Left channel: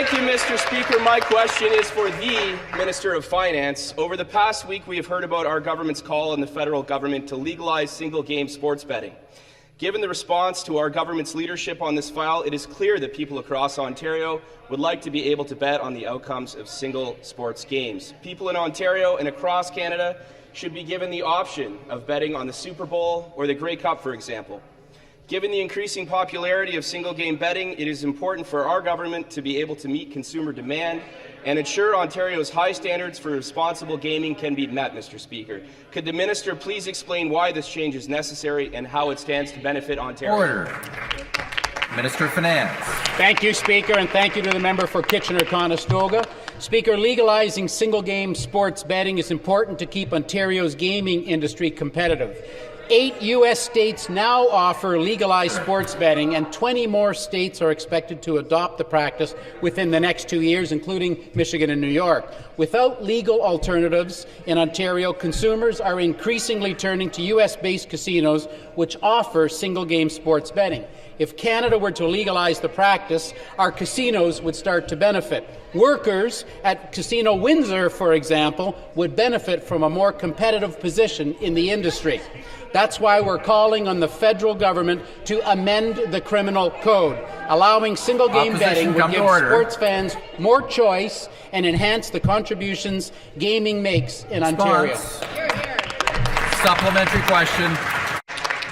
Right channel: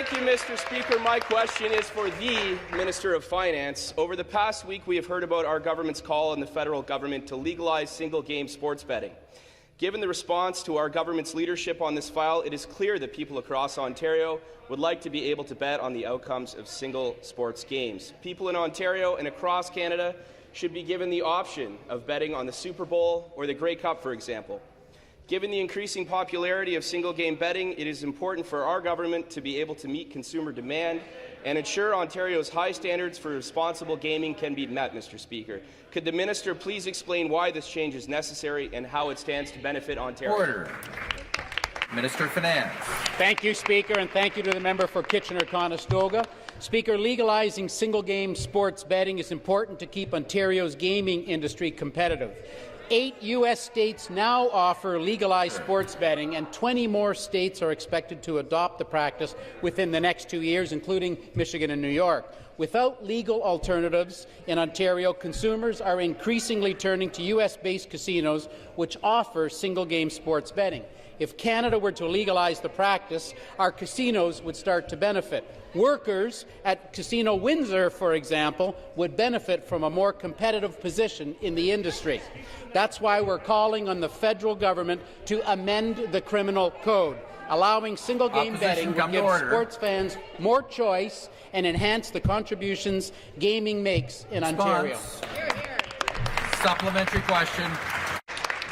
Thank you, Mr. Speaker. My question is for the Minister of Finance. Over the past week, we have heard about our government's call on the federal government to legalize single-game sports betting. Given the response to our government's leadership on this file, it is clear that people across Ontario would like to be able to bet on the outcomes of single sports games. People in Ontario and across Canada should be given the option of betting on the Super Bowl or the Grey Cup, for example. Given the increasing popularity of single-game betting, it is important for our government to be able to meet consumer demand and ensure Ontario's high standards for responsible gaming can be met, Mr. Speaker. Could the Minister please explain why this change is necessary and how it stands to benefit Ontario? Order. Minister of Finance. Thank you, Speaker, and thank you to the member for Kitchener-Conestoga. Speaker, legalizing single-game sports betting is important to keep Ontario's gaming industry competitive. 8 U.S. states now offer legalized sports betting, and 20 more states are expected to adopt the practice within the next 2 years, including Michigan and New York. Without legal alternatives in Ontario, consumers are increasingly turning to U.S.-based casinos which offer single-game sports betting. If Canada were to legalize the practice, our casinos would start to benefit. Workers at Casino Windsor, for example, would benefit from a more competitive position in the industry. That's why we're calling on the federal government to amend the criminal code. Allowing single-game betting would give sports fans more choice and enhance the contributions gaming makes in Ontario. Supplementary question.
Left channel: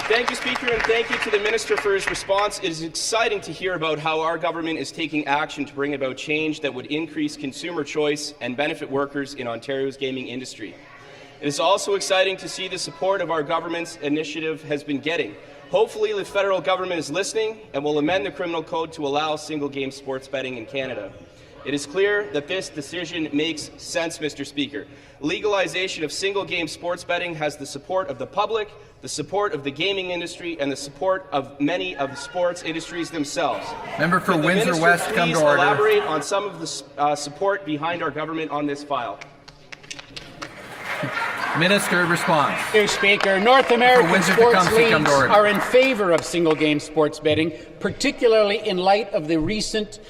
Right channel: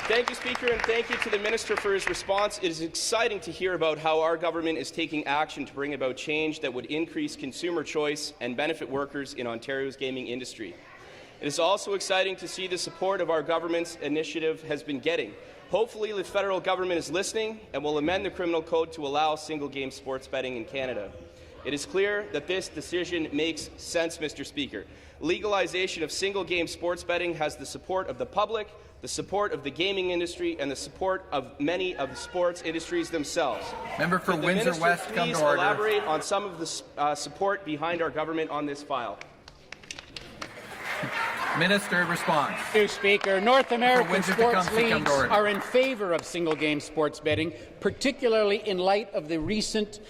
Thank you, Speaker, and thank you to the Minister for his response. It is exciting to hear about how our government is taking action to bring about change that would increase consumer choice and benefit workers in Ontario's gaming industry. It is also exciting to see the support of our government's initiative has been getting. Hopefully, the federal government is listening and will amend the criminal code to allow single-game sports betting in Canada. It is clear that this decision makes sense, Mr. Speaker. Legalization of single-game sports betting has the support of the public, the support of the gaming industry, and the support of many of the sports industries themselves. Member for Windsor West, come to order. Elaborate on some of the support behind our government on this file. Minister, response. Mr. Speaker, North American sports leagues are in favour of single-game sports betting, particularly in light of the recent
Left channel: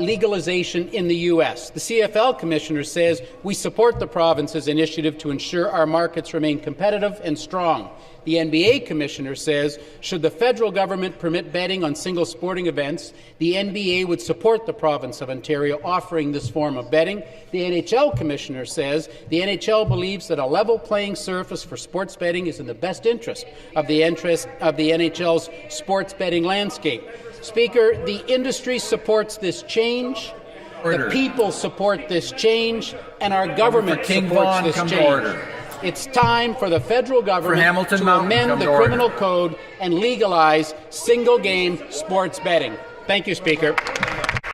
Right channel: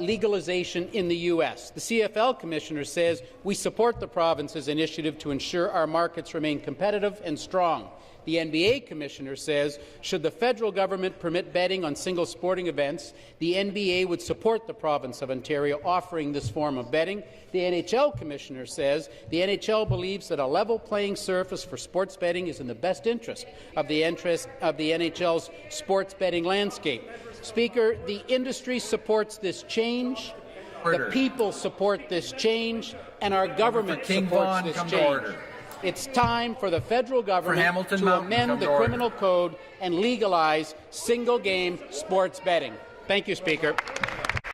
legalization in the U.S. The CFL Commissioner says we support the province's initiative to ensure our markets remain competitive and strong. The NBA Commissioner says should the federal government permit betting on single sporting events, the NBA would support the province of Ontario offering this form of betting. The NHL Commissioner says the NHL believes that a level playing surface for sports betting is in the best interest of the NHL's sports betting landscape. Speaker, the industry supports this change, the people support this change, and our government supports this change. It's time for the federal government to amend the criminal code and legalize single-game sports betting. Thank you, Speaker.